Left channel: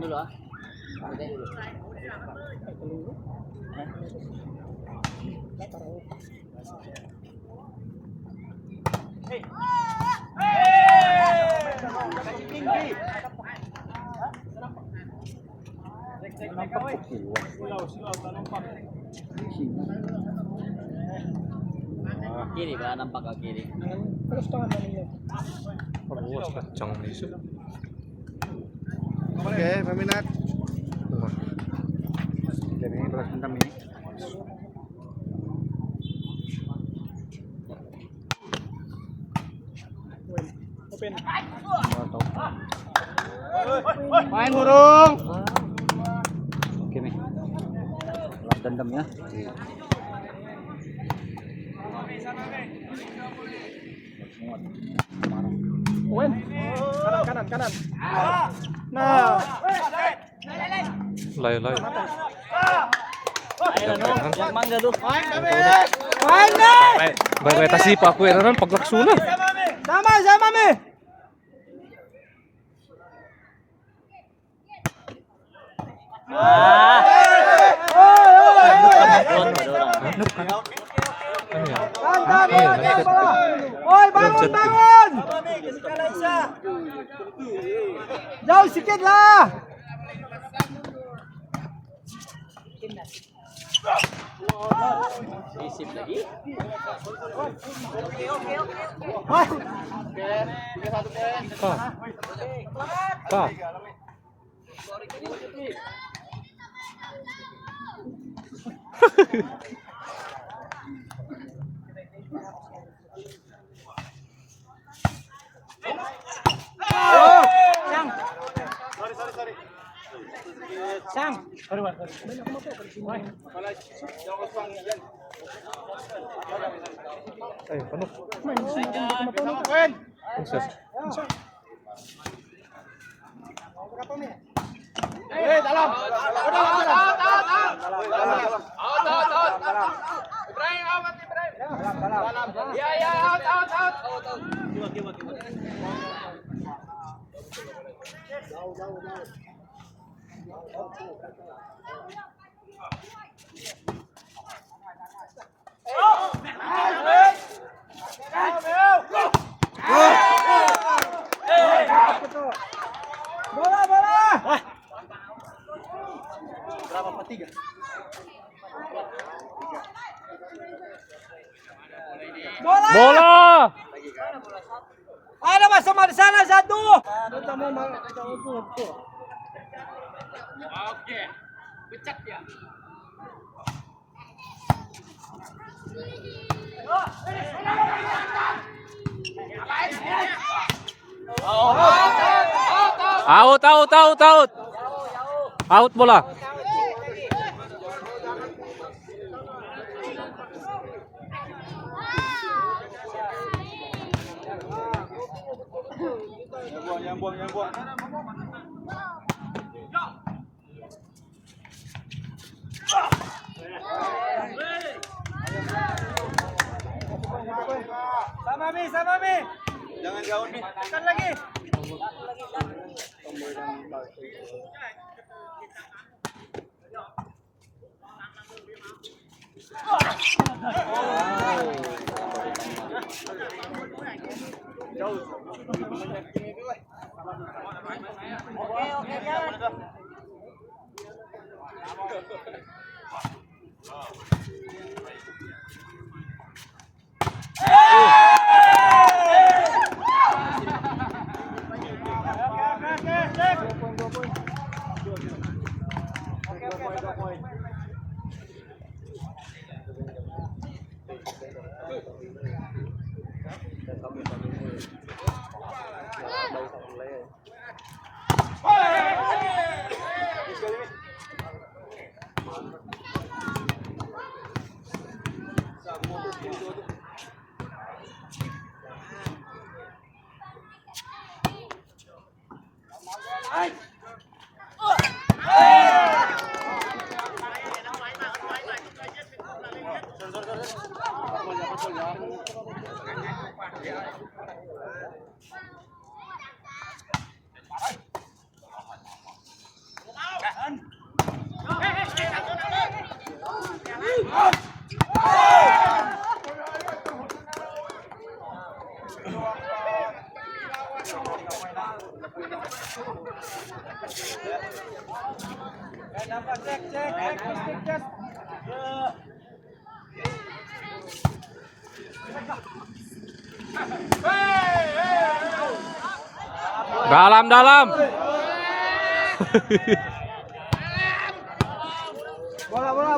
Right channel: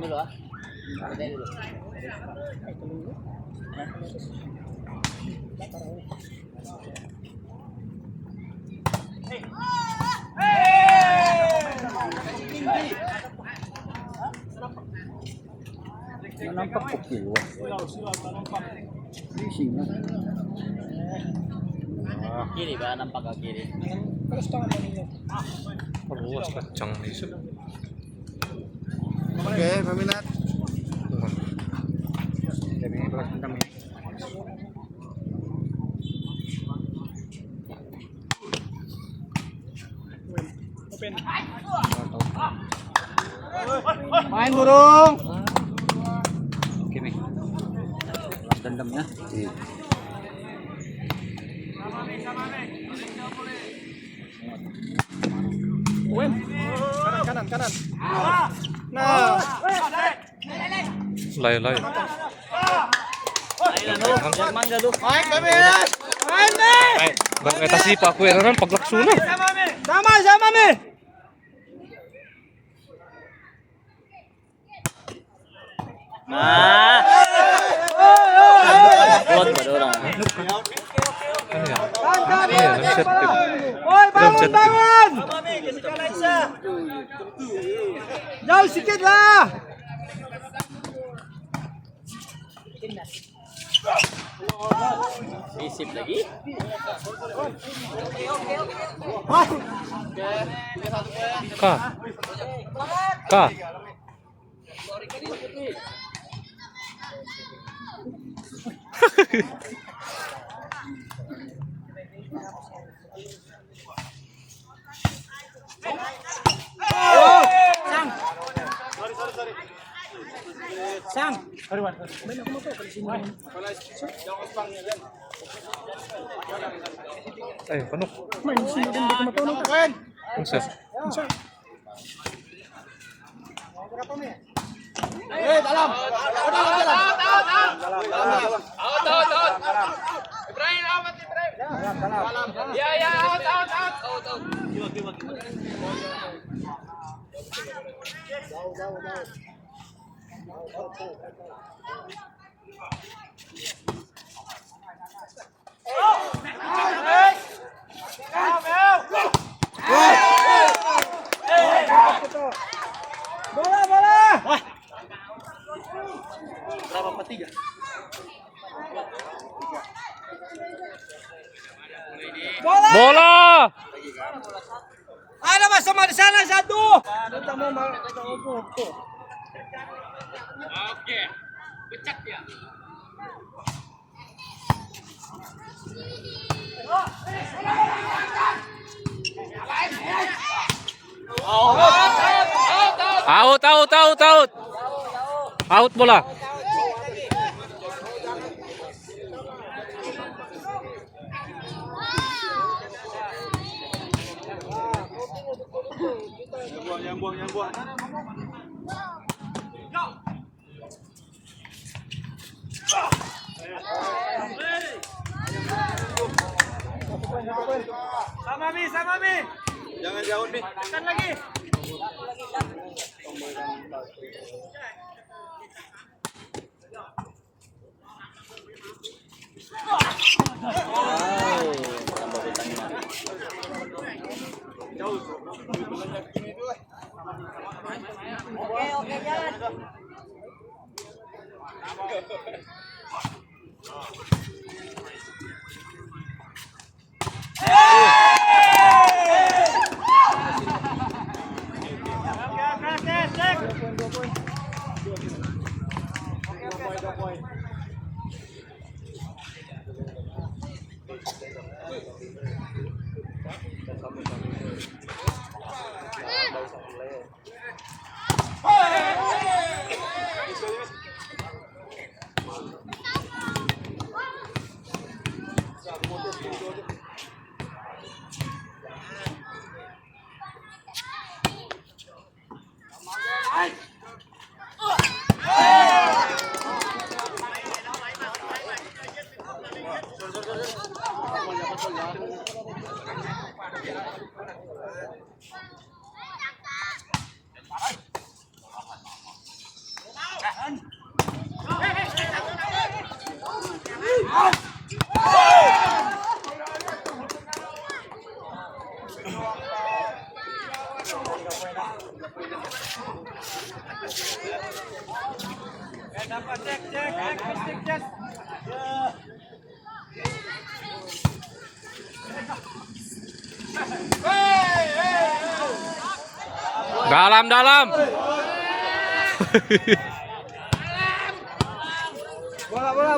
dulu ah. Nampak kecil. Kiri ba nampak ke kiri. Luas kacang isu. Oke, peminat. Jadi beras hitam ini. Main burung. Oke nih. Balas dendamnya. Kanan. Nah. Lay. Main nih. Baru eta sih Pak Kueran paglaksuna. Sama nih. Bangun. Jauh sedikit lah. Isip lagi. Kak. Sang. Penuh. Dalam. Bola. Berapa petiga? Bola. Ada Mas sama di sana satu. Oke. Becek ya. Out. Out bola. Yang buang. Sama Mi. Jangan jauh Mi. Tekan lagi. Oke, jalan. Cek. Dalam.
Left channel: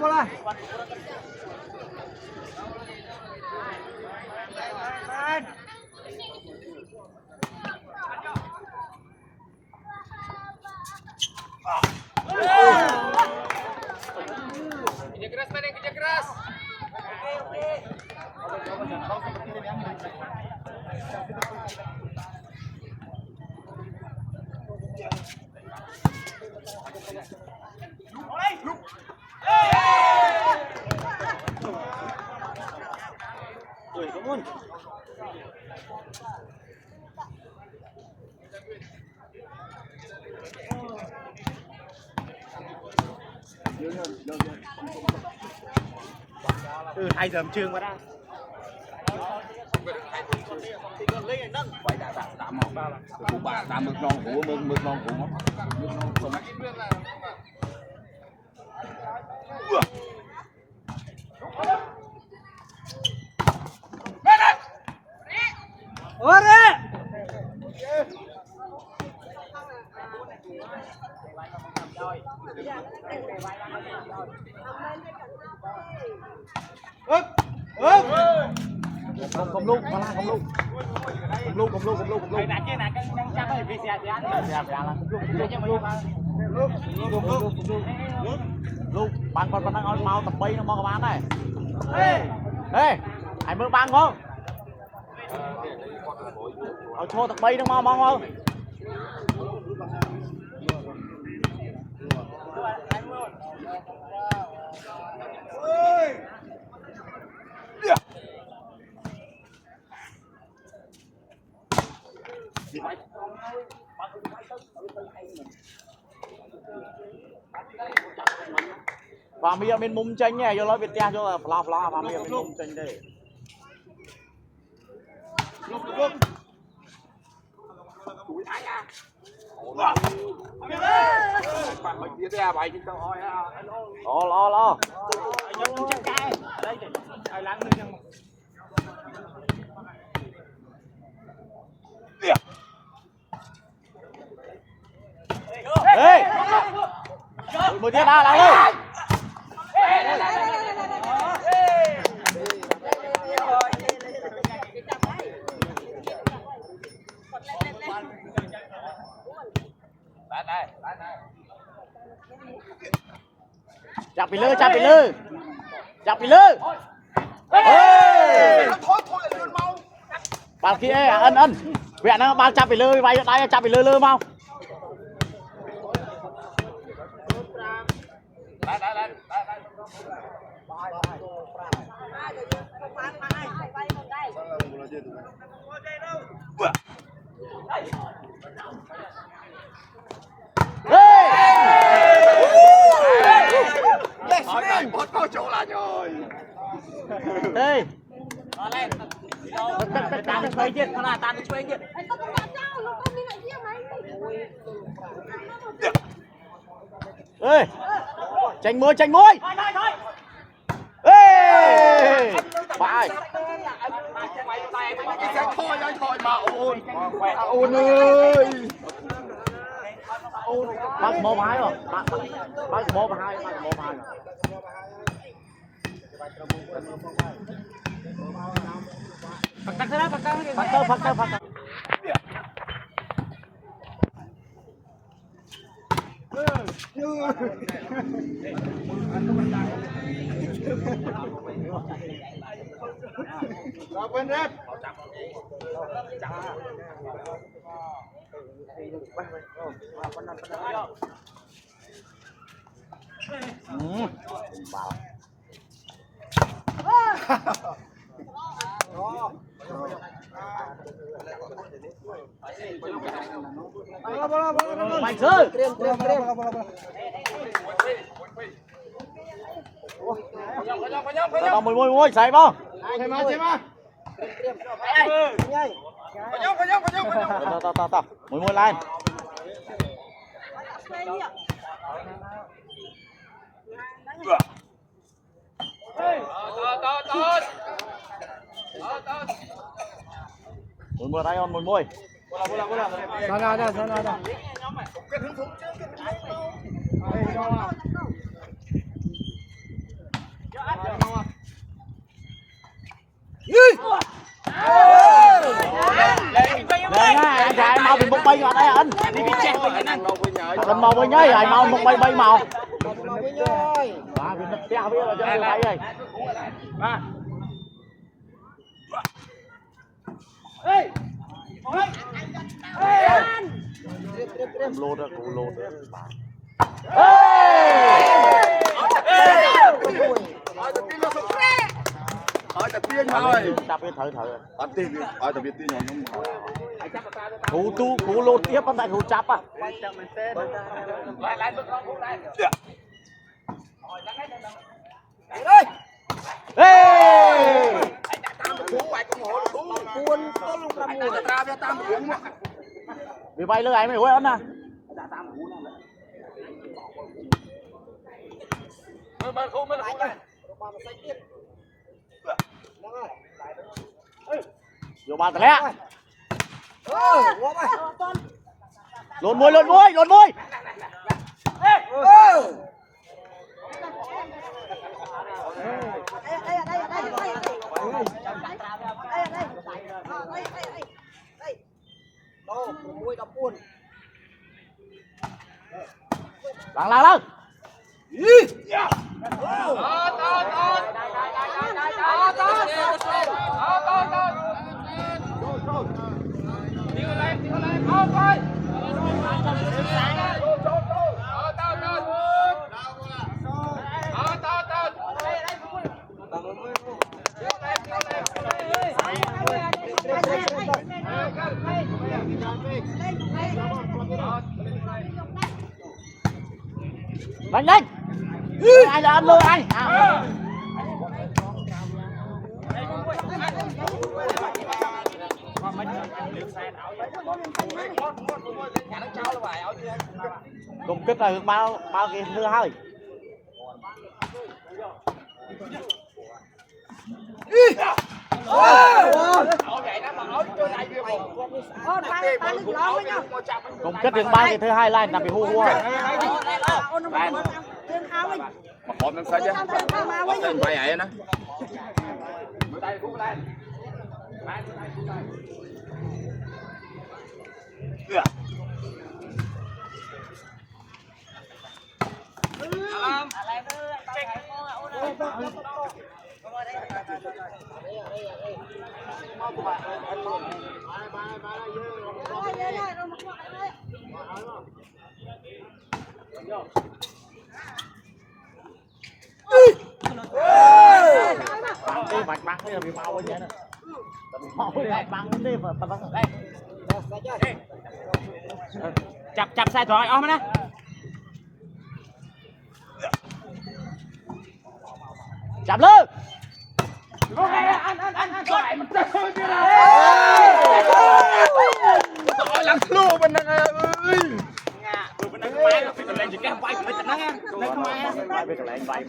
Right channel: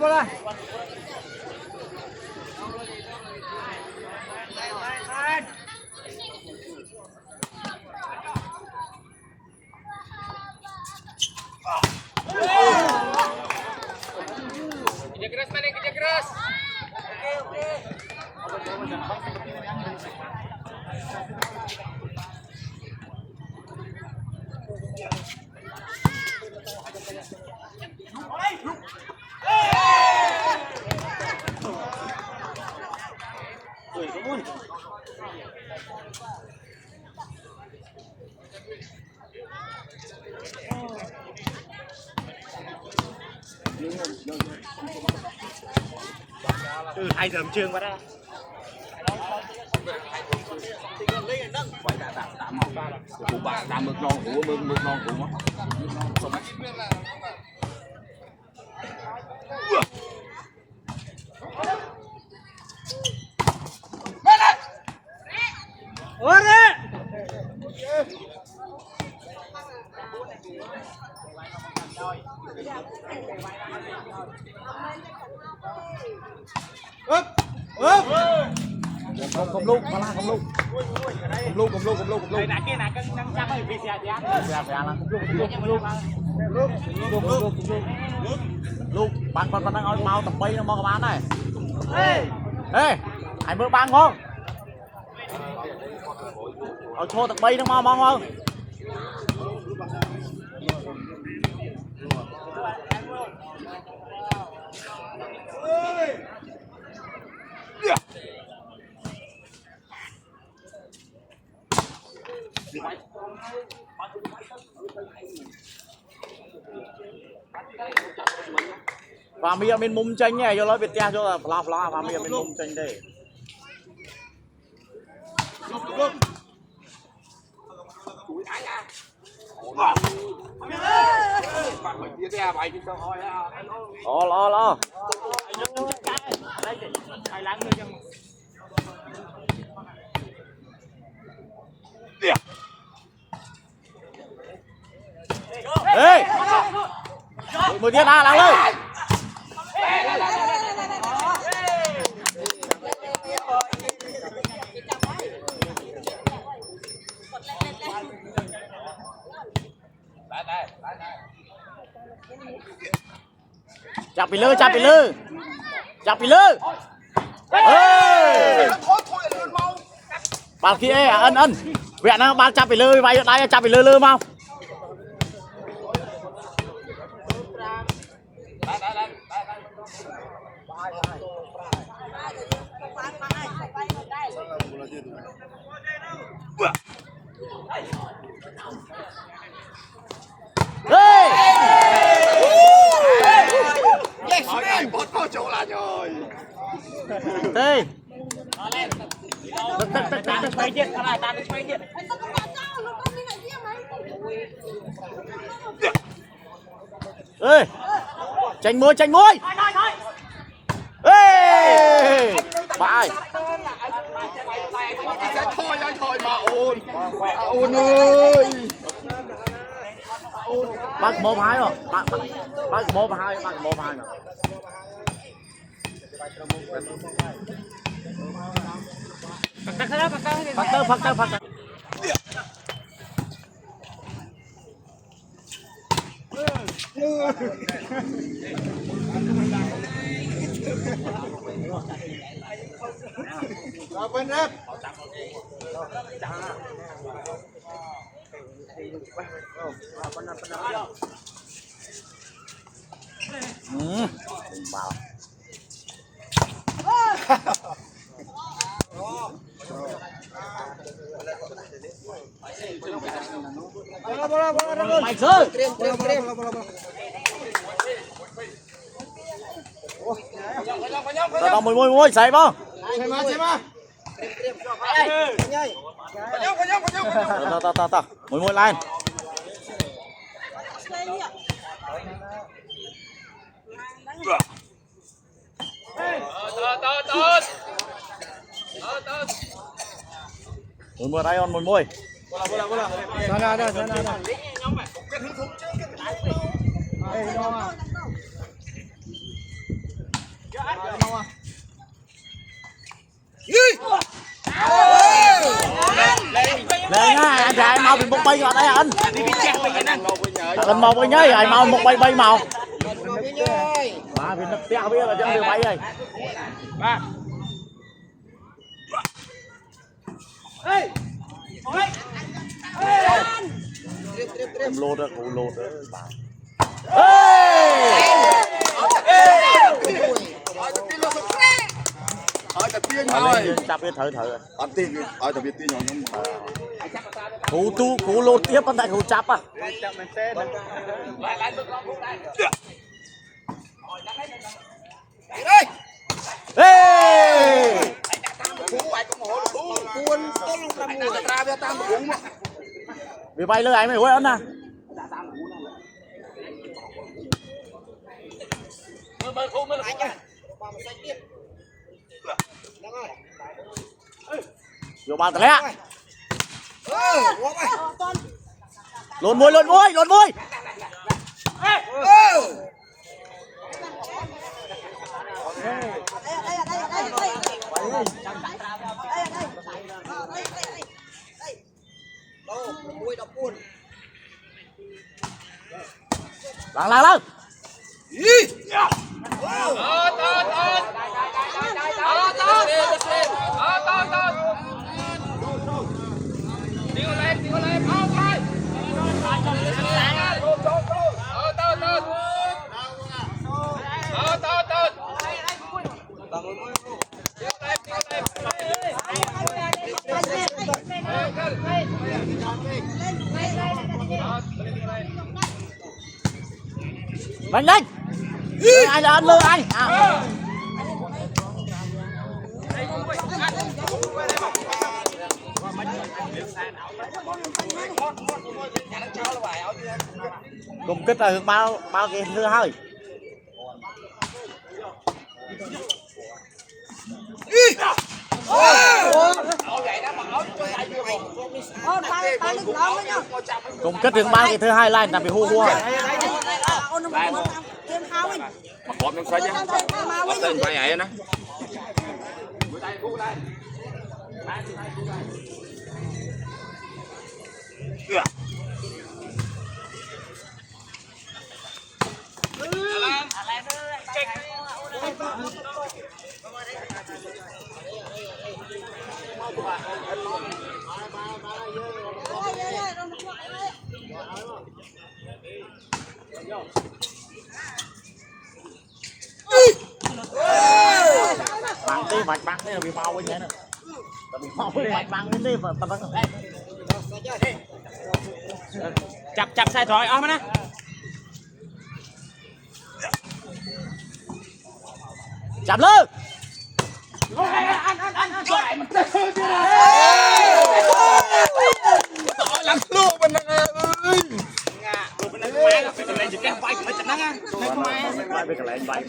Bola. Kerja keras. Hai giờ trường vào đó. Vậy đã một cụ bà đã mực non của mực non của Cầm luôn. Đây nãy kia nãy đang chắc phải VCA thì ăn. Luôn, bạn đang ngồi mau tập bay nó mau các bạn này. Ê, anh mới băng không? Ở thua tập bay nó mau không? Và mi ở bên mông tranh nha, cho nói Việt Nam cho là fla và mi ở bên mông tranh đây. Lo. Ê! Một tiếng nào ơi. Chặt bị lư. Bảo kia ân. Vẹn nó bao chặt bị lư, bay đây chặt bị lư mau. Có chỗ là rồi. Đây. Ê! Tranh môi. Ê! Bài. Sẽ thôi mà ôn ơi. Bác mô hai rồi. Bác mô hai rồi. Phật tơ. Bên rep. Mạnh sư. Môi, xảy không? Xem mà. tao mùi lên mùi đây on mùi anh chạy mau bị một bay vào đây anh anh mau với nhơi anh mau một bay màu biết biết là chơi bay rồi lô đó cụ lô đó tập tiên rồi tập cái thử tập tiên tập tiên nhỏ nhóm cụ lô tiếp anh tại cụ chắp à vì bay lên anh mới hối anh nè vô bàn tè lẹ lộn môi lặng lên mạnh lên ai là anh mơ anh cùng kích là bao cái thứ hai cùng kết được bao cái thứ hai lên là bị hua mặc bom đang xoay chứ bom tên phải vậy nè bắn đi là bị mau quá nhé nè bị mau đi bắn đi mà bắn chập sai thoại ôm nè chạm lên lăn luôn bên này bên đây mai nó phải lên chỉ cái vai phải chặt nắng á đây không ai vai cái lại vai